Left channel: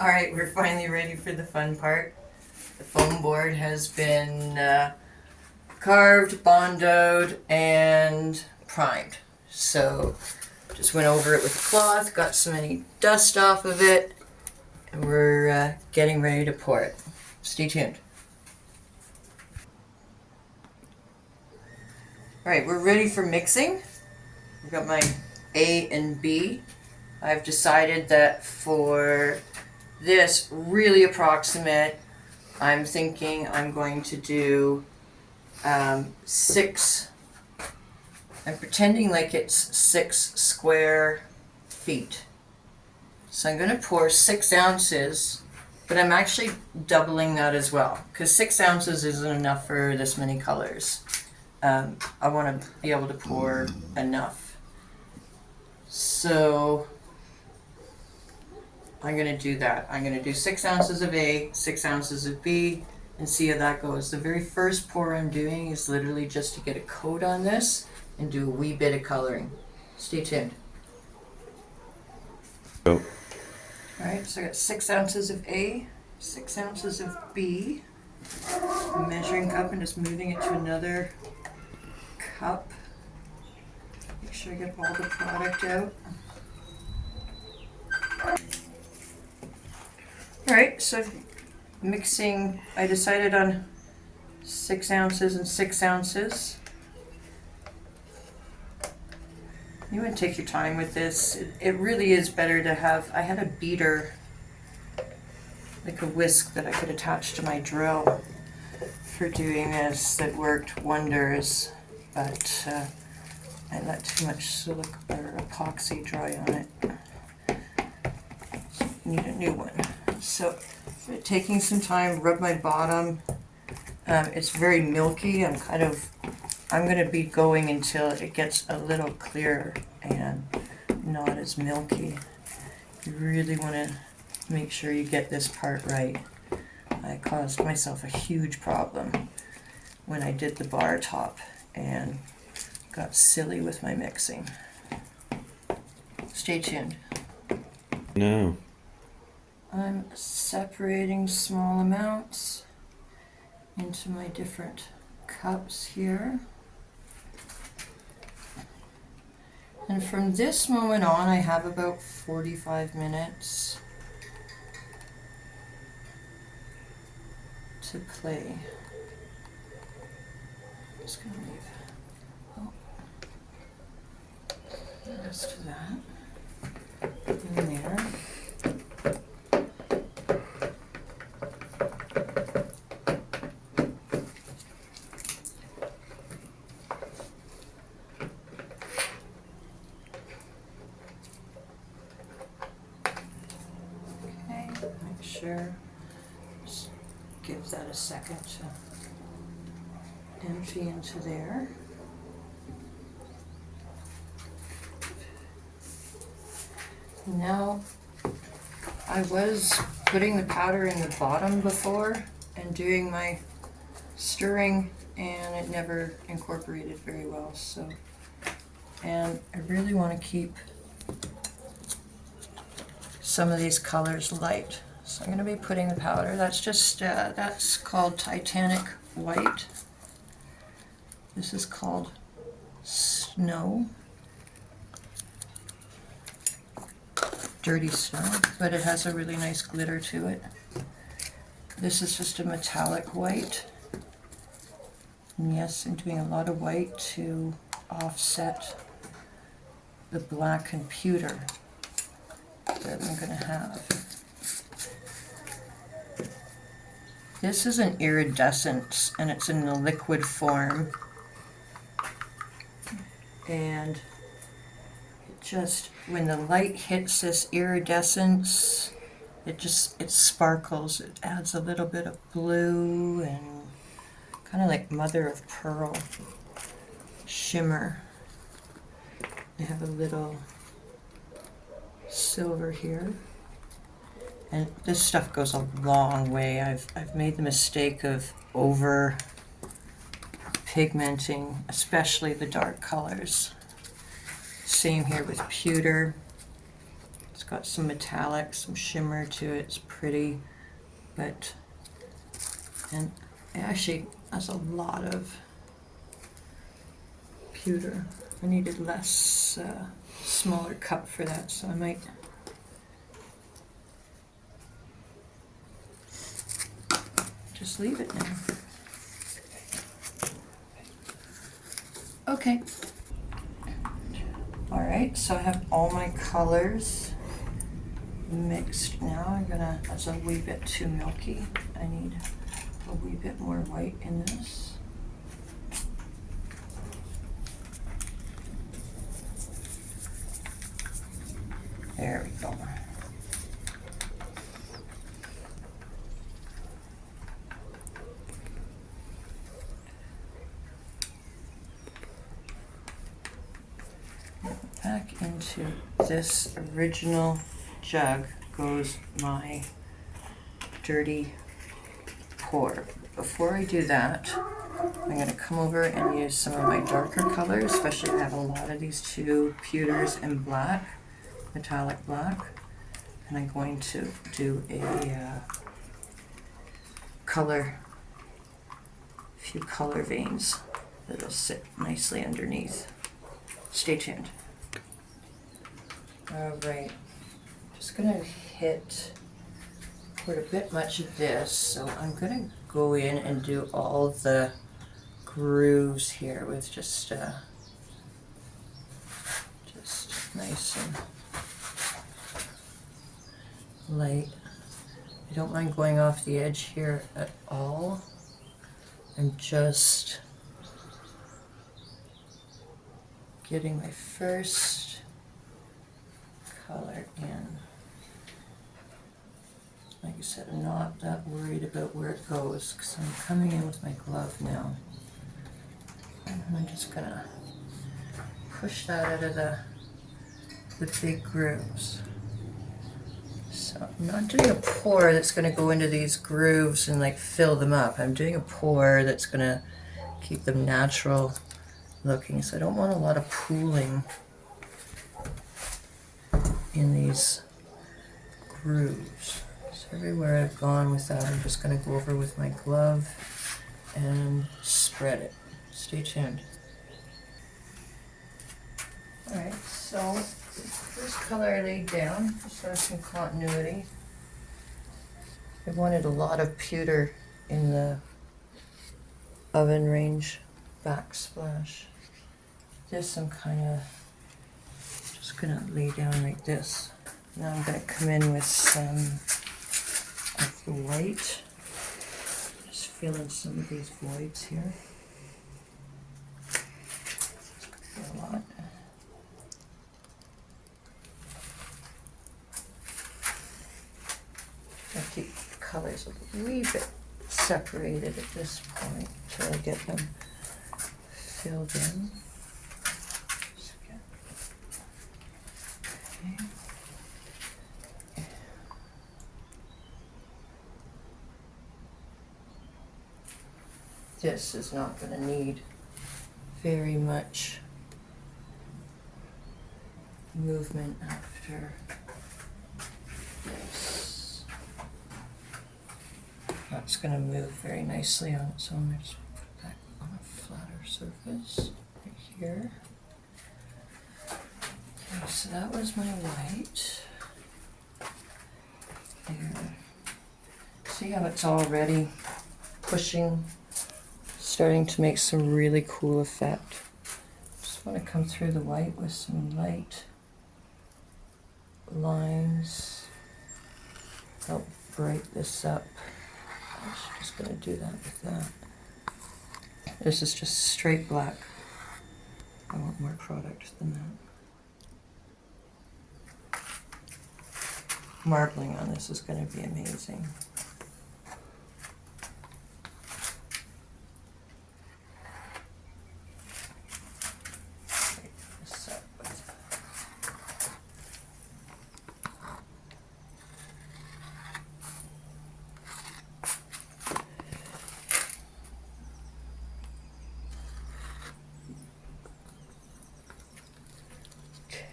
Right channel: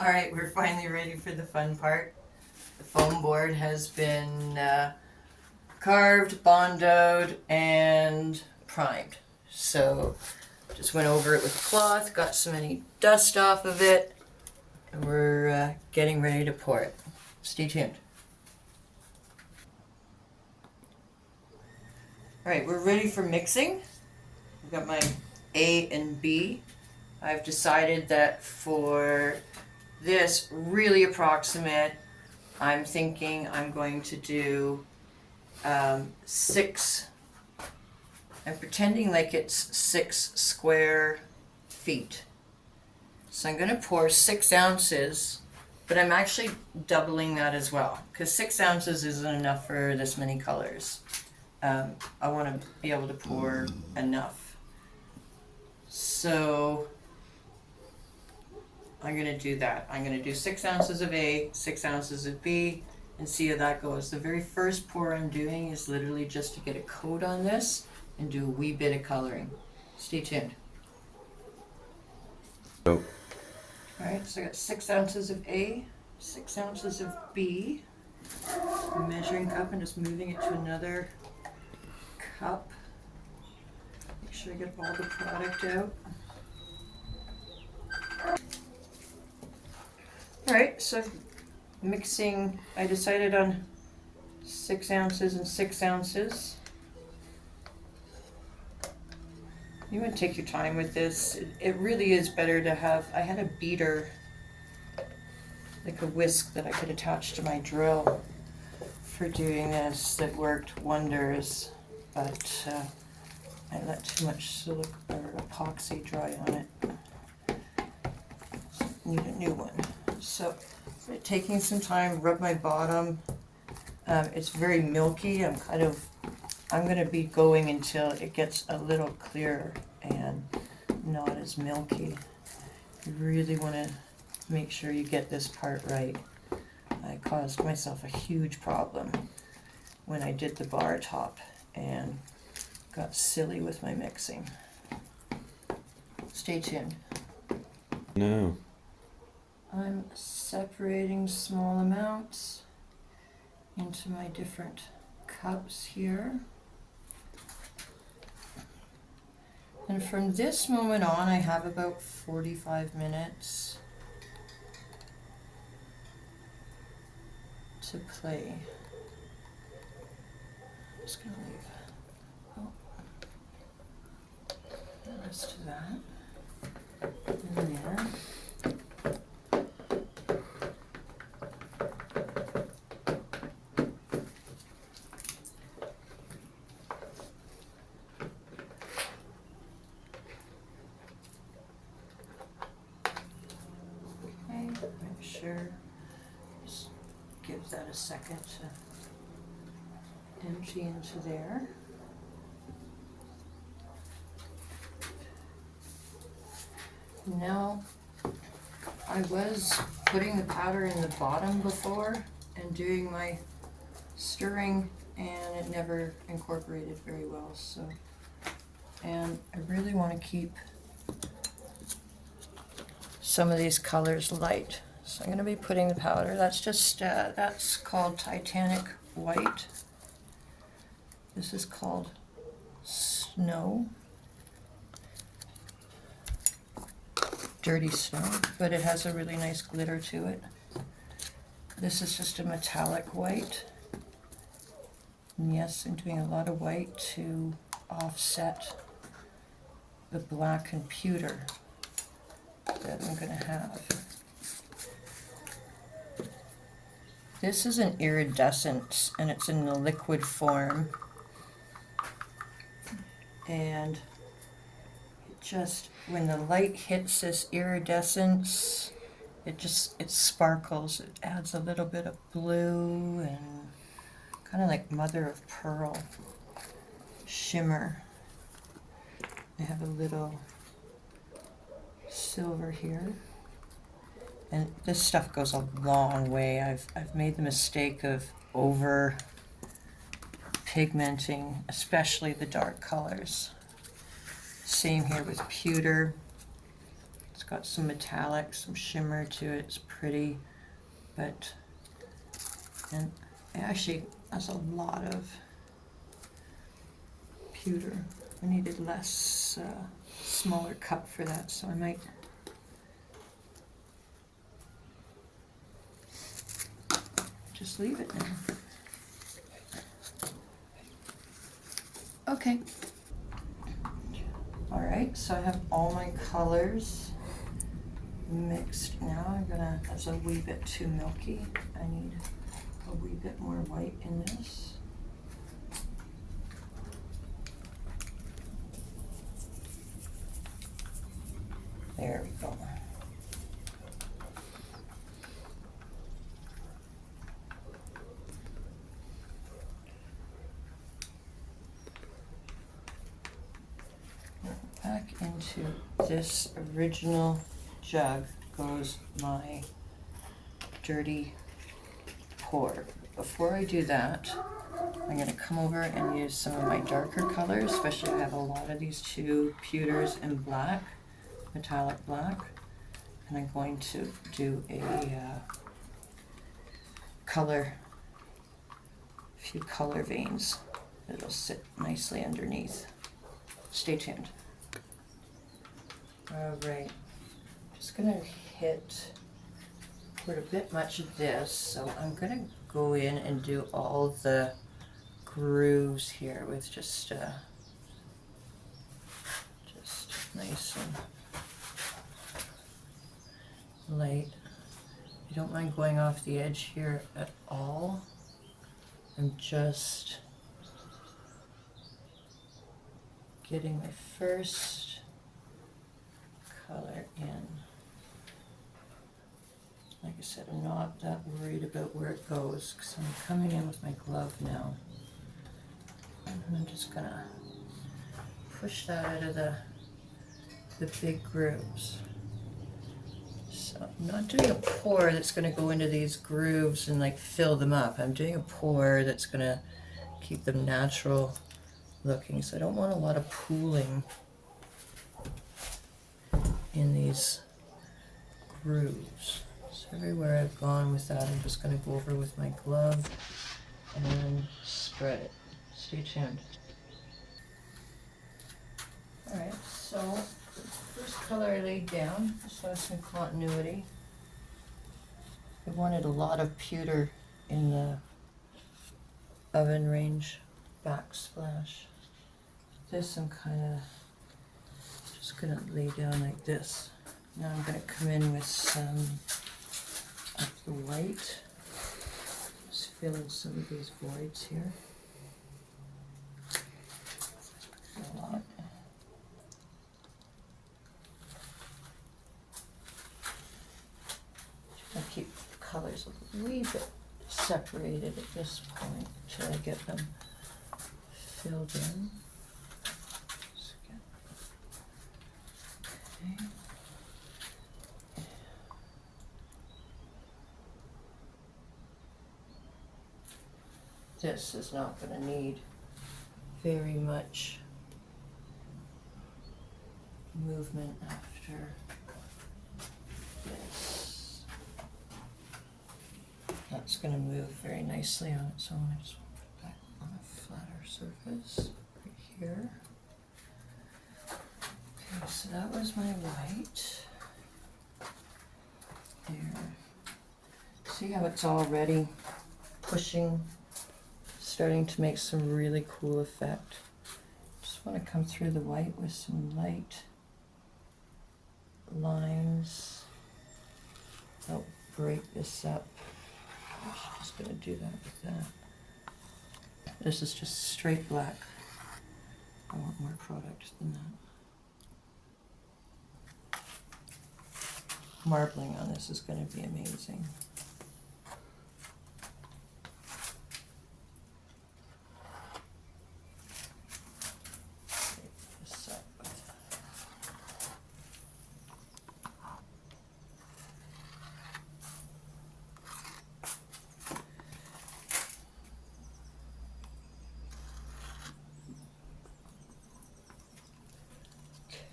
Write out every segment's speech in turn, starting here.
Alright, we're finally ready for the fun part. The foam board has been carved, bondoed, and primed. So just went over it with cloth, got some any dust off of it, and we're getting ready to pour it. Stay tuned. Alright, we're ready for mixing. I've got my A and B. I've decided that for this really approximate, I'm thinking I'm going to do 6. I'm pretending like it's 6 square feet. So I'm going to pour 6 ounces, but I'm actually doubling that as well, because 6 ounces isn't enough for this many colors. I want to be able to pour enough. So I'm going to do that. I'm going to do 6 ounces of A, 6 ounces of B, and see how that goes. The very first pour I'm doing is literally just to get a coat on this and do a wee bit of coloring. Stay tuned. Oh. Alright, so I got 6 ounces of A, 6 ounces of B. Measuring cup and just moving it to another cup. Make sure I get all the product out. Alright, so mixing, I decided on 6 ounces and 6 ounces. You want to take your time with this. It really is better to have, I had a beater, like a whisk that I could attach to my drill for doing this that worked wonders, but I let too much silica or epoxy dry on it. Need a new one. So taking some time, rub my bottom. It's very milky. I'm going to be going until it gets a little clearer and not as milky. You really want to make sure you get this part right. I caused myself a huge problem when I did the bar top and got silly with my mixing. Stay tuned. No. I'm separating small amounts into my different cups here. And from this moment on, I have about 45 minutes to play. I'm just going to leave the rest of that in there. Sure, just give that a second to empty into there. Now, I was putting the powder in the bottom before and doing my stirring, and it never incorporated very well. So, and I really want to keep some of these colors light. So I'm going to be putting the powder. That's just, that's called Titanic White. This is called Snow. Dirty Snow, but it has a really nice glitter to it. This is just a metallic white. And yes, I'm doing a lot of white to offset the black and pewter that I'm going to have. This is an iridescent, and it's in the liquid form. And it just, when the light hits this iridescence, it sparkles. It adds a little bit of blue and kind of like mother of pearl shimmer. I have a little silver here. And this stuff goes a long way. I've made the mistake of over pigmenting, especially the dark colors. Same here with pewter. It's got some metallic, some shimmer to it. It's pretty, but, and it actually has a lot of pewter. I needed less, smaller cup for that, so I might just leave it now. Okay. All right, so I have all my colors mixed now. That's a wee bit too milky. I need a wee bit more white in this. There we go. Back into this original jug goes my dirty pour. Before I do that, I'm going to come over and use some of my darker colors, especially I have a lot of these two pewters in black, metallic black, and I'm going to do a few color veins that'll sit nicely underneath. Stay tuned. All right, just gonna put a bit much of this, so I'm gonna go in and do all the grooves here with just nice and light. I don't mind going off the edge here at all. I'm just getting my first color in. Like I said, I'm not that worried about where it goes because I'm coming in with my glove now. And I'm just gonna push that out of the big grooves. So I'm not doing a pour that's gonna go into these grooves and like fill them up. I'm doing a pour that's gonna keep them natural looking. So I don't want a lot of pooling in these grooves. So everywhere I've gone with that, I'm just going to go over with my glove and spread it. Stay tuned. Alright, so the first color I laid down, just for some continuity. I wanted a lot of pewter in the oven range backsplash. This I'm kind of just gonna lay down like this. Now I'm gonna come in with some of the white. Just fill in some of these voids here. A lot. I keep the colors a wee bit separated at this point until I get them filled in. Okay. This is not going to need very much movement after this. That's going to move very nicely on its own. I just put that on a flatter surface right here. Okay, so that was my white. There. See how it's already pushing, starting to make some really cool effect. Just want to come through the white with some light lines. Help break this up. I'm just going to do that with that. This is just straight black. I want more product than that. Marbling on this is going to be amazing.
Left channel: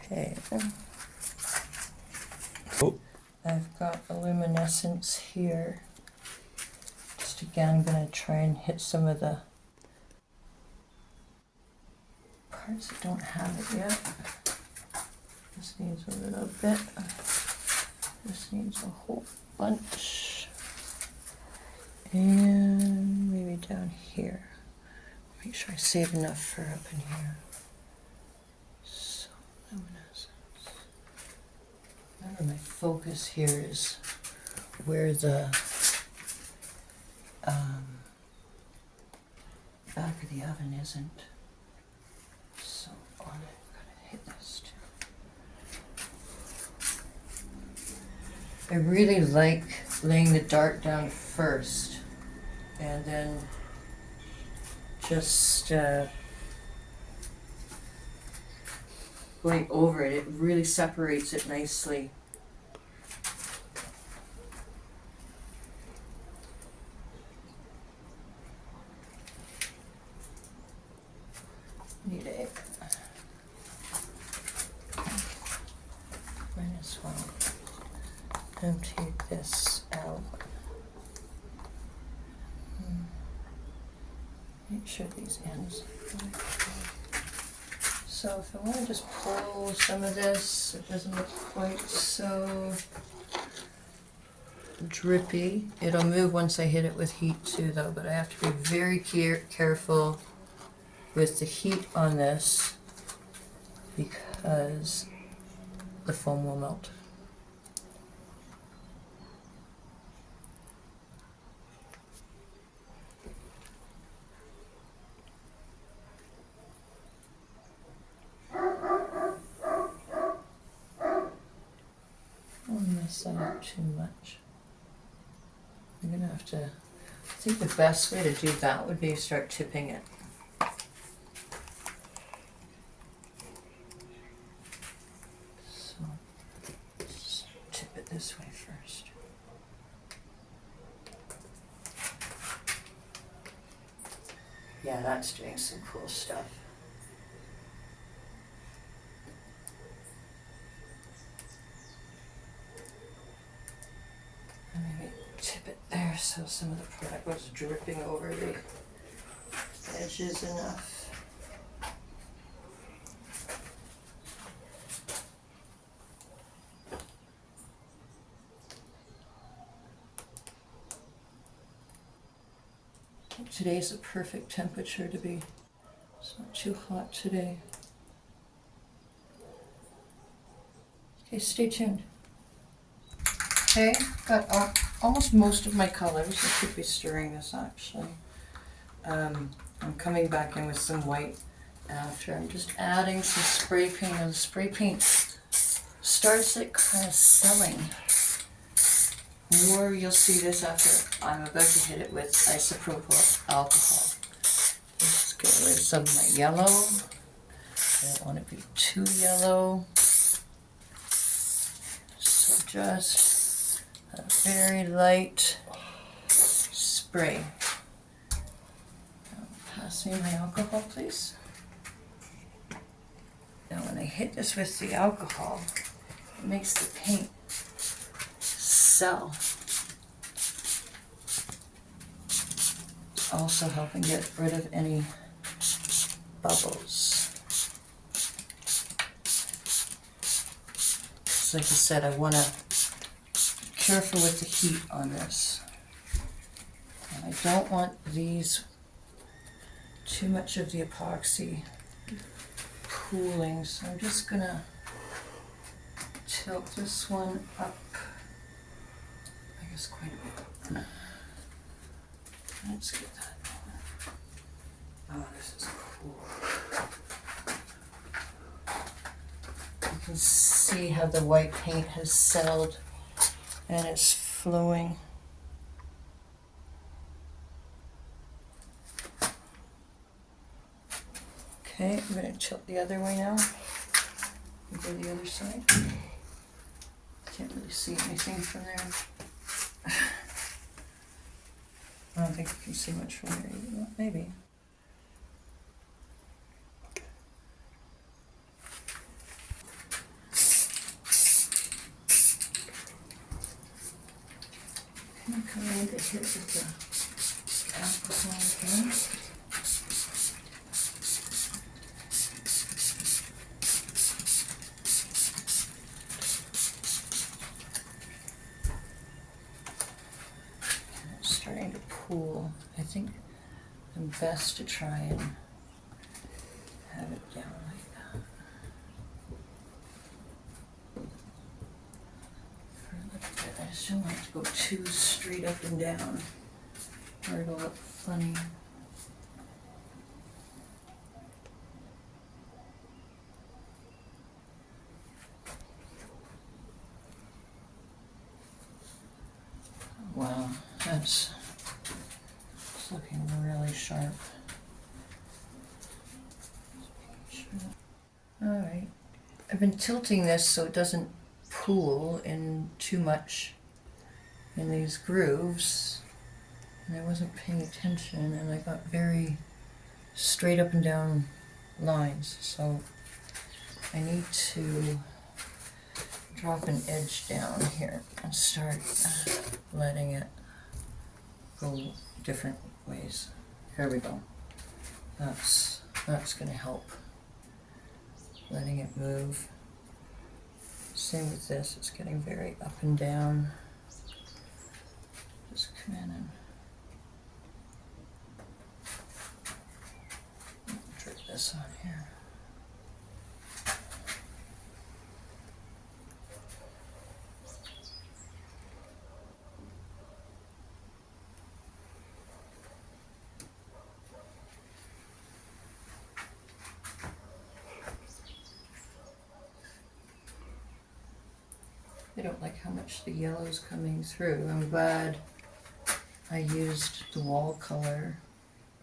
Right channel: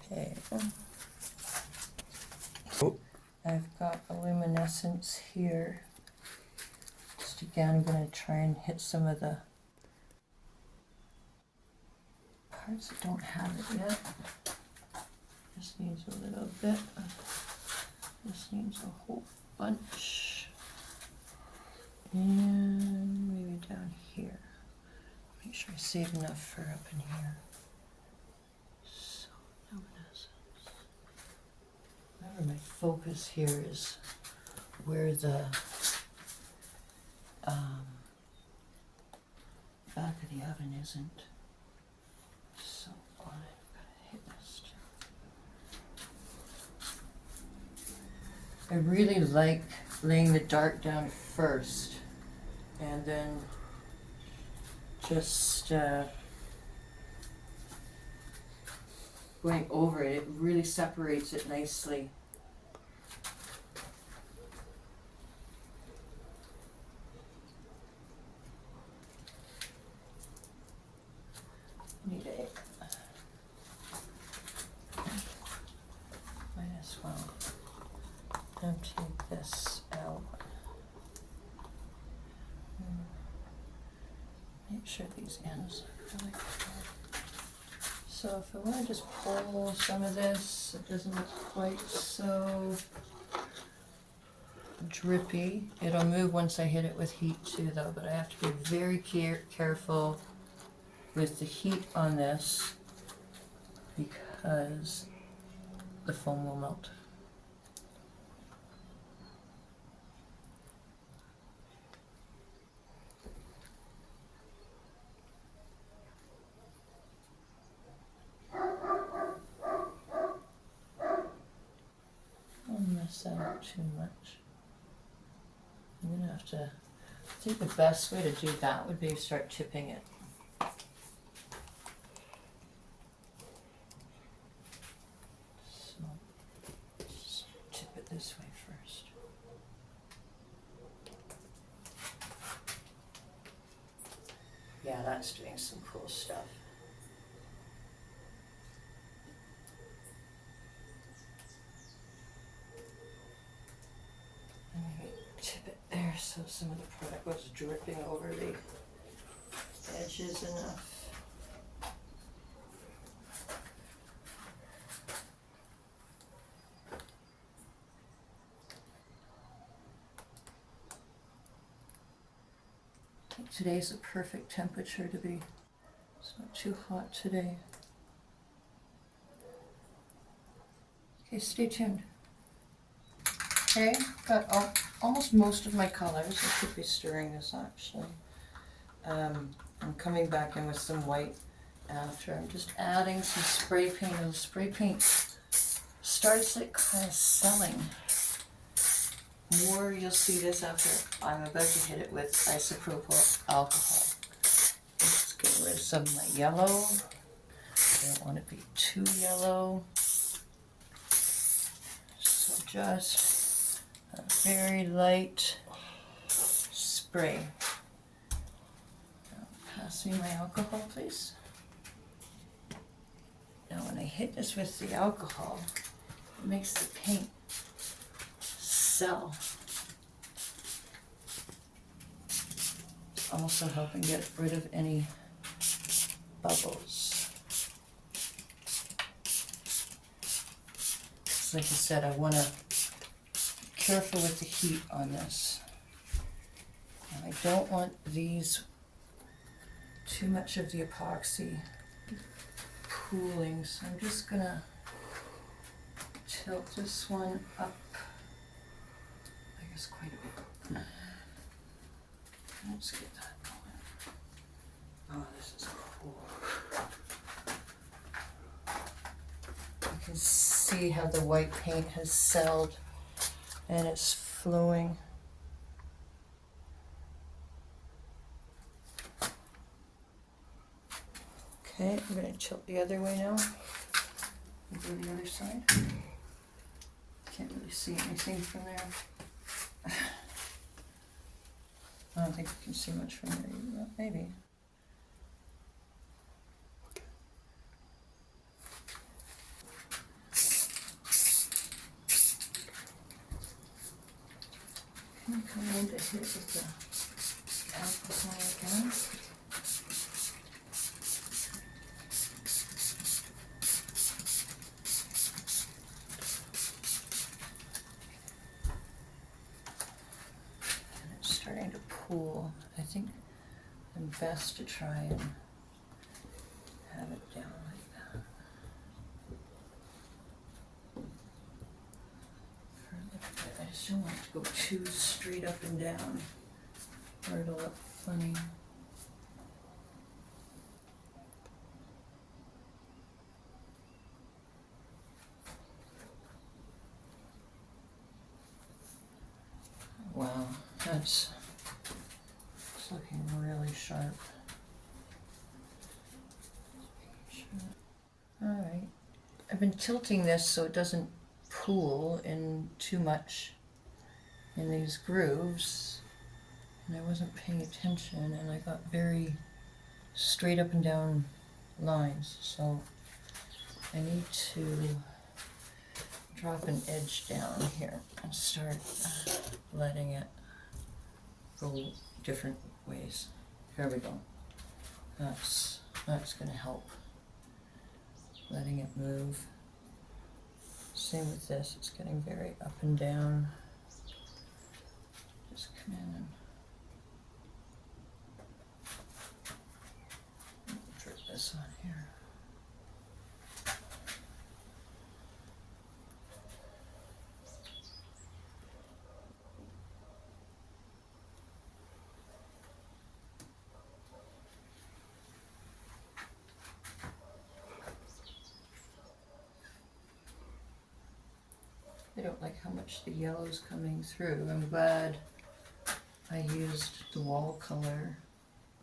Okay. essence here. Just again, I'm going to try and hit some of the parts that don't have it yet. This needs a little bit. This needs a whole bunch. And maybe down here. Make sure I save enough for up in here. So, luminescence. Remember, my focus here is where the back of the oven isn't. So, I've got to hit this too. I really like laying the dart down first and then just going over it. It really separates it nicely. Need a might as well empty this out. Make sure these ends are really good. So if I want to just pull some of this, it doesn't look quite so drippy. It'll move once I hit it with heat too though, but I have to be very careful with the heat on this because the foam will melt. Don't mess that up too much. I'm gonna have to, I think the best way to do that would be to start tipping it. So, just tip it this way first. Yeah, that's doing some cool stuff. Maybe tip it there so some of the product was dripping over the edges enough. Today's a perfect temperature to be. It's not too hot today. Okay, stay tuned. Okay, got almost most of my colors. I should be stirring this actually. I'm coming back in with some white after. I'm just adding some spray paint, and the spray paint starts it kind of selling. More you'll see this after I'm about to hit it with isopropyl alcohol. Let's get rid of some of my yellow. I don't want it to be too yellow. So just a very light spray. Pass me my alcohol, please. Now when I hit this with the alcohol, it makes the paint sell. Also helping get rid of any bubbles. So like I said, I want to be careful with the heat on this. And I don't want these too much of the epoxy pooling, so I'm just gonna tilt this one up. I guess quite a bit. Let's get that going. Oh, this is cool. You can see how the white paint has settled and it's flowing. Okay, I'm going to tilt the other way now. And go the other side. Can't really see anything from there. I don't think you can see much from there. Maybe. I'm going to hit with the alcohol again. And it's starting to pool. I think I'm best to try and have it down like that. For a little bit. I just don't want it to go too straight up and down, or it'll look funny. Wow, it's looking really sharp. Alright, I've been tilting this so it doesn't pool in too much in these grooves, and I wasn't paying attention, and I got very straight up and down lines, so I need to drop an edge down here and start letting it go different ways. There we go. That's going to help. Letting it move. Same with this, it's getting very up and down. Just come in and drip this on here. I don't like how much the yellow's coming through. I'm glad I used the wall color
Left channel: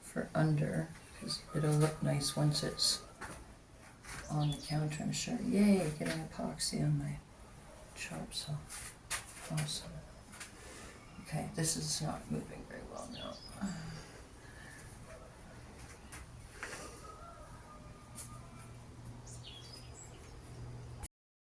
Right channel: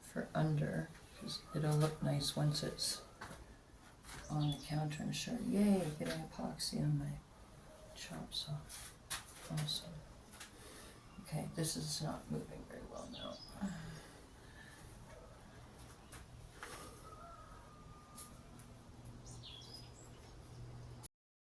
for under, because it'll look nice once it's on the counter. I'm sure. Yay, getting epoxy on my chop saw. Awesome. Okay, this is not moving